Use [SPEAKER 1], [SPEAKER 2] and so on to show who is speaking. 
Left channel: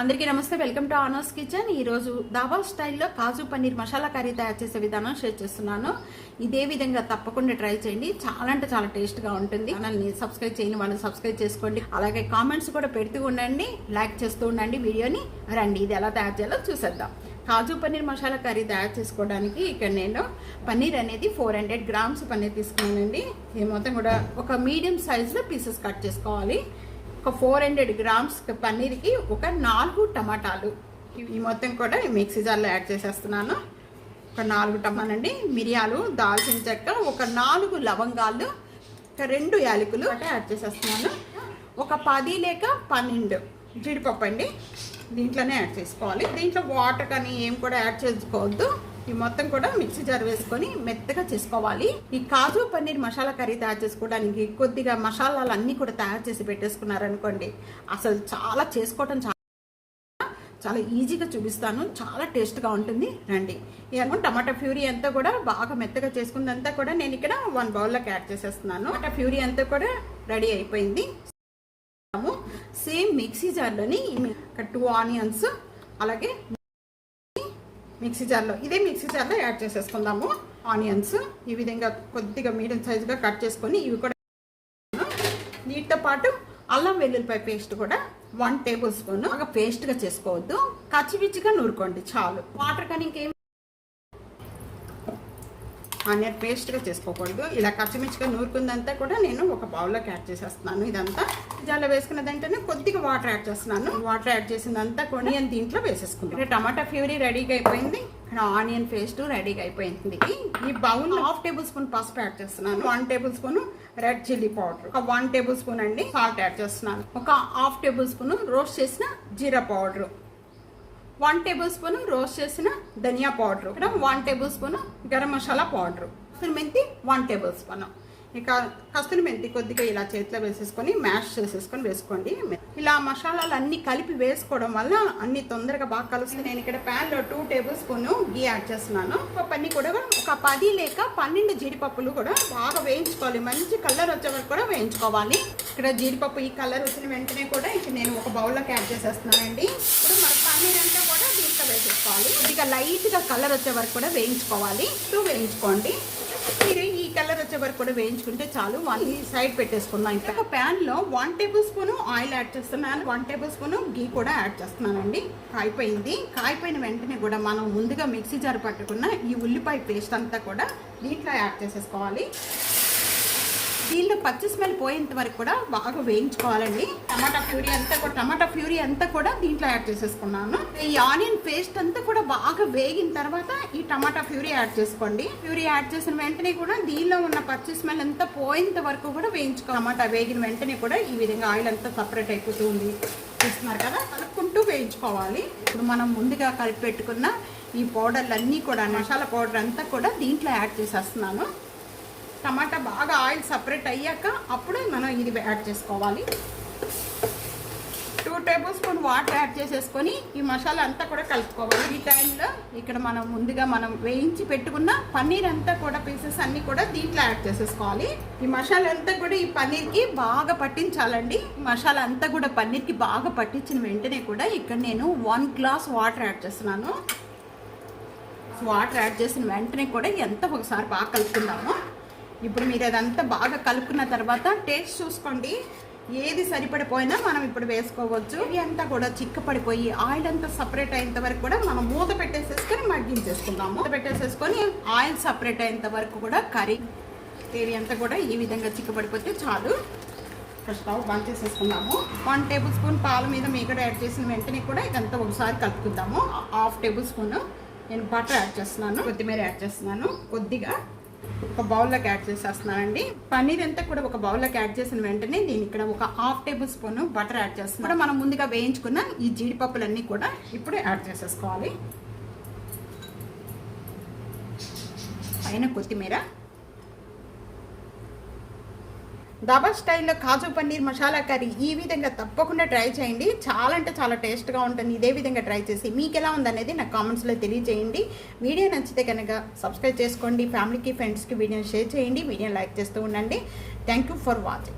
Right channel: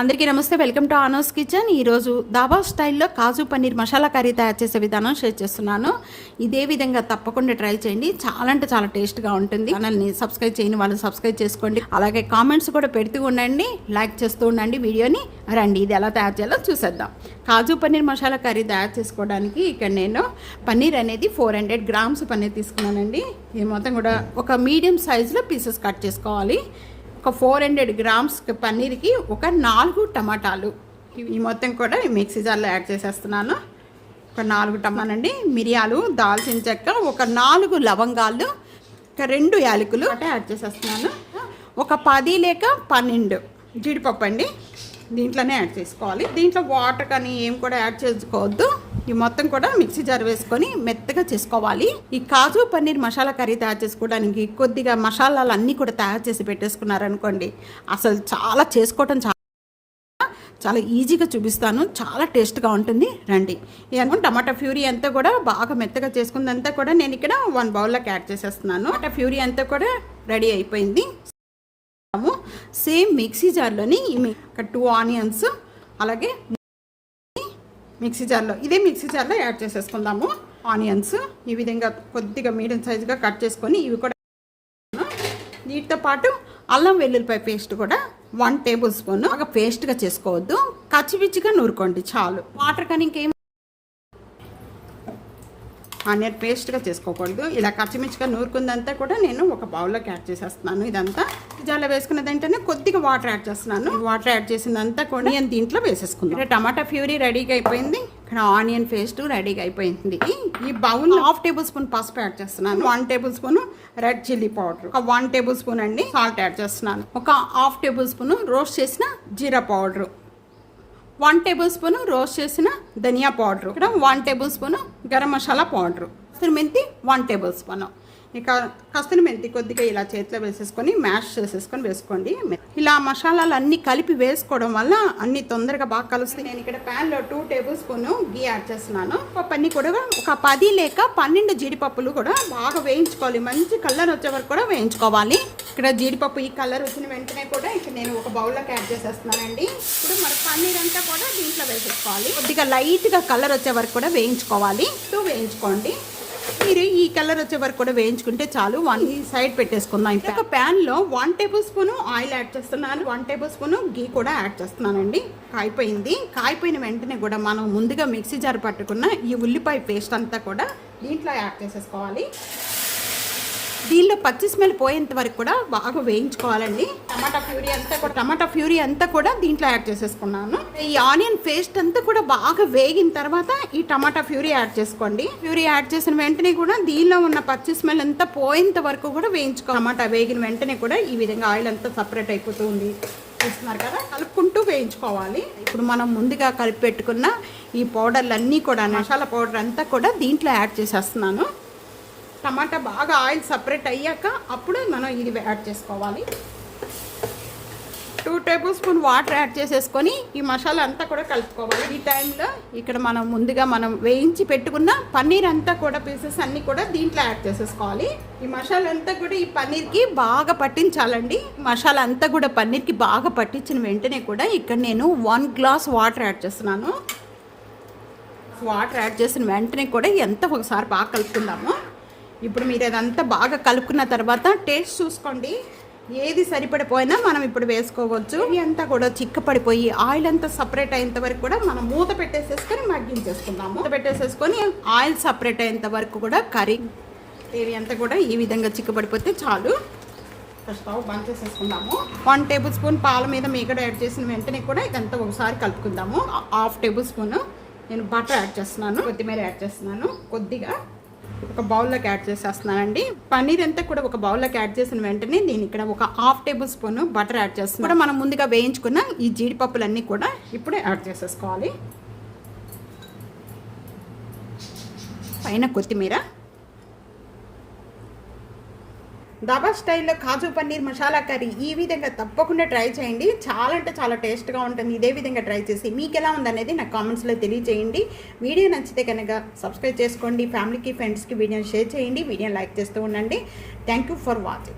[SPEAKER 1] అందరికీ నమస్తే. Welcome to ఆనోస్ kitchen ఈరోజు దాబా స్టైల్లో కాజు పన్నీర్ మసాలా కర్రీ తయారు చేసే విధానం షేర్ చేస్తున్నాను. ఇదే విధంగా తప్పకుండా ట్రై చేయండి. చాలా అంటే చాలా టేస్ట్గా ఉంటుంది. ఛానల్ని సబ్స్క్రైబ్ చేయని వాళ్ళు సబ్స్క్రైబ్ చేసుకోండి. అలాగే కామెంట్స్ కూడా పెడుతూ ఉండండి. లైక్ చేస్తూ ఉండండి వీడియోని. రండి ఇది ఎలా తయారు చేయాలో చూసేద్దాం. కాజు పన్నీర్ మసాలా కర్రీ తయారు చేసుకోవడానికి ఇక్కడ నేను పన్నీర్ అనేది ఫోర్ హండ్రెడ్ గ్రామ్స్ పన్నీర్ తీసుకున్నానండి. ఇది మొత్తం కూడా ఒక మీడియం సైజులో పీసెస్ కట్ చేసుకోవాలి. ఒక ఫోర్ హండ్రెడ్ గ్రామ్స్ పన్నీర్కి ఒక నాలుగు టమాటాలు. ఈ మొత్తం కూడా మిక్సీ జార్లో యాడ్ చేసేస్తున్నాను. ఒక నాలుగు టమానండి మిరియాలు దాల్చిన చెక్క ఒక నాలుగు లవంగాలు ఒక రెండు యాలకులు అంటే యాడ్ చేసేస్తున్నాను. ఒక పది లేక పన్నెండు జీడిపప్పు అండి. దీంట్లోనే యాడ్ చేసుకోవాలి. దీంట్లో వాటర్ కానీ ఏం కూడా యాడ్ చేసుకోవద్దు. ఈ మొత్తం కూడా మిక్సీ జార్ వేసుకొని మెత్తగా చేసుకోవాలి. ఈ కాజు పన్నీర్ మసాలా కర్రీ తయారు చేసుకోవడానికి కొద్దిగా మసాలాలు అన్నీ కూడా తయారు చేసి పెట్టేసుకున్నారనుకోండి అసలు చాలా చేసుకోవటం చాలా చాలా ఈజీగా చూపిస్తాను చాలా టేస్ట్గా ఉంటుంది. రండి. ఇవన్నీ టమాటా ఫ్యూరీ అంతా కూడా బాగా మెత్తగా చేసుకుందంతా కూడా నేను ఇక్కడ వన్ బౌల్లోకి యాడ్ చేసేస్తున్నాను. టమాటా ఫ్యూరీ అంతా కూడా రెడీ అయిపోయింది. సేమ్ మిక్సీ జార్లోని ఒక టూ ఆనియన్స్ అలాగే మిక్సీ జార్లో. ఇదే మిక్సీ జార్లో యాడ్ చేసేసుకుందాము. ఆనియన్స్ ఈ విధంగా కొద్దిగా మీడియం సైజుగా కట్ చేసుకొని ఇవి కూడా వీటితో పాటు అల్లం వెల్లుల్లిపాయ పేస్ట్ కూడా వన్ టేబుల్ స్పూన్. ఒక పేస్ట్గా చేసుకోవద్దు. కచ్చిపిచ్చిగా నూరుకోండి చాలు. వాటర్ కానీ ఇంకేం ఆనియన్ పేస్ట్గా చేసుకోకూడదు. ఇలా కచ్చిమిచ్చిగా నూరుకుందంతా కూడా నేను ఒక బౌల్లోకి యాడ్ చేసేస్తున్నాను ఇదంతా. జాలో వేసుకున్న వెంటనే కొద్దిగా వాటర్ యాడ్ చేస్తున్నాను. వాటర్ యాడ్ చేసిందంతా కూడా నేను దీంట్లో వేసేసుకున్నాను టమాటా ఫ్యూరీ రెడీగా అయిపోయింది. ఇక్కడ ఆనియన్ పేస్ట్ రెడీగా అయిపోయింది. ఈ బౌల్ హాఫ్ టేబుల్ స్పూన్ పసుపు యాడ్ చేస్తున్నాను. One tablespoon red chilli powder. ఒక వన్ టేబుల్ స్పూన్ అండి సాల్ట్ యాడ్ చేస్తున్నాను. ఒక హాఫ్ టేబుల్ స్పూన్ రోస్ట్ చేసిన జీరా powder. One tablespoon roast చేసిన ధనియా పౌడర్. ఇక్కడ one tablespoon garam masala powder. కస్తూరి మెంతి వన్ టేబుల్ స్పూన్. ఇక కస్తూరి మెంతి కొద్దిగా ఇలా చేతిలో వేసేసుకొని మ్యాష్ చేసేసుకొని వేసుకోండి. ఇలా మసాలాలు అన్నీ కలిపి వేసుకోవడం వల్ల అన్ని తొందరగా బాగా కలుస్తుంది నేను ఇక్కడ ప్యాన్లో టూ టేబుల్ స్పూన్ గీ యాడ్ చేస్తున్నాను. పప్పు కూడా ఒక పది లేక పన్నెండు జీడిపప్పులు కూడా బాగా వేయించుకోవాలి. మంచి కలర్ వచ్చే వరకు కూడా వేయించుకోవాలి. ఇక్కడ జీడిపప్పు ఈ కలర్ వచ్చిన వెంటనే కూడా ఇక్కడ నేను ఒక బౌల్లోకి యాడ్ చేసేస్తున్నానండి. ఇప్పుడు మరి పన్నీర్ అంతా కూడా దీంట్లో వేసేసుకోవాలి. కొద్దిగా లైట్గా కలర్ వచ్చే వరకు కూడా వేయించుకోవాలి. ఇప్పుడు వేయించుకోండి. మీరు ఈ కలర్ వచ్చే వరకు కూడా వేయించుకుంటే చాలు. వన్ సైడ్ పెట్టేసుకుందాం. ఇప్పుడు ప్యాన్లో one tablespoon oil add చేస్తున్నాను. వన్ టేబుల్ స్పూన్ గీ కూడా యాడ్ చేస్తున్నానండి. కాయిపోయింది. కాయిపోయిన వెంటనే కూడా మనం ముందుగా మిక్సీ జార్ పట్టుకున్న ఈ ఉల్లిపాయ పేస్ట్ అంతా కూడా దీంట్లో యాడ్ చేసేసుకోవాలి. దీనిలో పచ్చి స్మెల్ పోయేంత వరకు కూడా బాగా వేయించుకోవాలండి. టమాటా ప్యూరీ అంతా కూడా. టమాటా ప్యూరీ అంతా కూడా దీంట్లో యాడ్ చేసేసుకున్నాను. ఈ ఆనియన్ పేస్ట్ అంతా కూడా బాగా వేగిన తర్వాత ఈ టమాటా ప్యూరీ యాడ్ చేసుకోండి. ప్యూరీ యాడ్ చేసిన వెంటనే కూడా దీనిలో ఉన్న పచ్చి స్మెల్ అంతా పోయేంత వరకు కూడా వేయించుకో టమాటా వేగిన వెంటనే కూడా ఈ విధంగా ఆయిల్ అంతా సపరేట్ అయిపోతుంది. చూస్తున్నారు కదా? కలుపుకుంటూ వేయించుకోవాలి. ఇప్పుడు మనం ముందుగా కలిపి పెట్టుకున్న ఈ పౌడర్లు అన్నీ కూడా మసాలా పౌడర్ అంతా కూడా దీంట్లో యాడ్ చేసేస్తున్నాను. టమాటా బాగా ఆయిల్ సపరేట్ అయ్యాక అప్పుడు మనం ఇది యాడ్ చేసుకోవాలి. Two tablespoon water add చేసేసుకొని ఈ మసాలా అంతా కూడా కలుపుకోవాలి. ఈ టైంలో ఇక్కడ మనం ముందుగా మనం వేయించి పెట్టుకున్న పన్నీర్ అంతా కూడా పీసెస్ అన్నీ కూడా దీంట్లో యాడ్ చేసేసుకోవాలి. ఈ మసాలా అంతా కూడా ఈ పన్నీర్కి బాగా పట్టించాలండి. మసాలా అంతా కూడా పన్నీర్కి బాగా పట్టించిన వెంటనే కూడా ఇక్కడ నేను వన్ గ్లాస్ వాటర్ యాడ్ చేస్తున్నాను. వాటర్ యాడ్ చేసిన వెంటనే కూడా ఎంత ఒకసారి బాగా కలుపుకుందాము. ఇప్పుడు మీరు అదంతా బాగా కలుపుకున్న తర్వాత టేస్ట్ చూసుకోండి. ఏది సరిపడిపోయినా మనం ఇప్పుడు వేసుకోవచ్చు. ఇది అంతా కూడా చిక్కపడిపోయి ఆయిల్ అంతా సపరేట్ అయ్యేంత వరకు కూడా మనం మూత పెట్టేసేసుకొని మగ్గించేసుకుందాం మూత పెట్టేసేసుకొని ఆయిల్ సపరేట్ అయ్యేంత వరకు కూడా కర్రీ ఇవి అంతా కూడా ఈ విధంగా చిక్కపడిపోతే చాలు. స్టవ్ బంద్ చేసేసుకుందాము. వన్ టేబుల్ స్పూన్ పాల మీద మీగడ యాడ్ చేసిన వెంటనే కూడా ఇదంతా ఒకసారి కలుపుకుందాము. హాఫ్ టేబుల్ స్పూన్ నేను బటర్ యాడ్ చేస్తున్నాను కొత్తిమీర యాడ్ చేస్తున్నాను. కొద్దిగా ఒక బౌల్లోకి యాడ్ చేసేస్తున్నానండి పన్నీర్ అంతా కూడా ఒక బౌల్లోకి యాడ్ చేసిన వెంటనే నేను ఇక్కడ ఒక half tablespoon butter add చేస్తున్నాను. కూడా మనం ముందుగా వేయించుకున్న ఈ జీడిపప్పులన్నీ కూడా ఇప్పుడు యాడ్ చేసేసుకోవాలి. పైన కొత్తిమీర. దాబా స్టైల్లో కాజు పన్నీర్ మసాలా కర్రీ ఈ విధంగా తప్పకుండా ట్రై చేయండి. చాలా అంటే చాలా టేస్ట్గా ఉంటుంది. ఇదే విధంగా ట్రై చేసి మీకు ఎలా ఉందనేది నాకు కామెంట్స్లో తెలియజేయండి వీడియో నచ్చితే కనుక సబ్స్క్రైబ్ చేసుకోండి. ఫ్యామిలీకి ఫ్రెండ్స్కి వీడియోని షేర్ చేయండి. వీడియోని లైక్ చేస్తూ ఉండండి. Thank you for watching.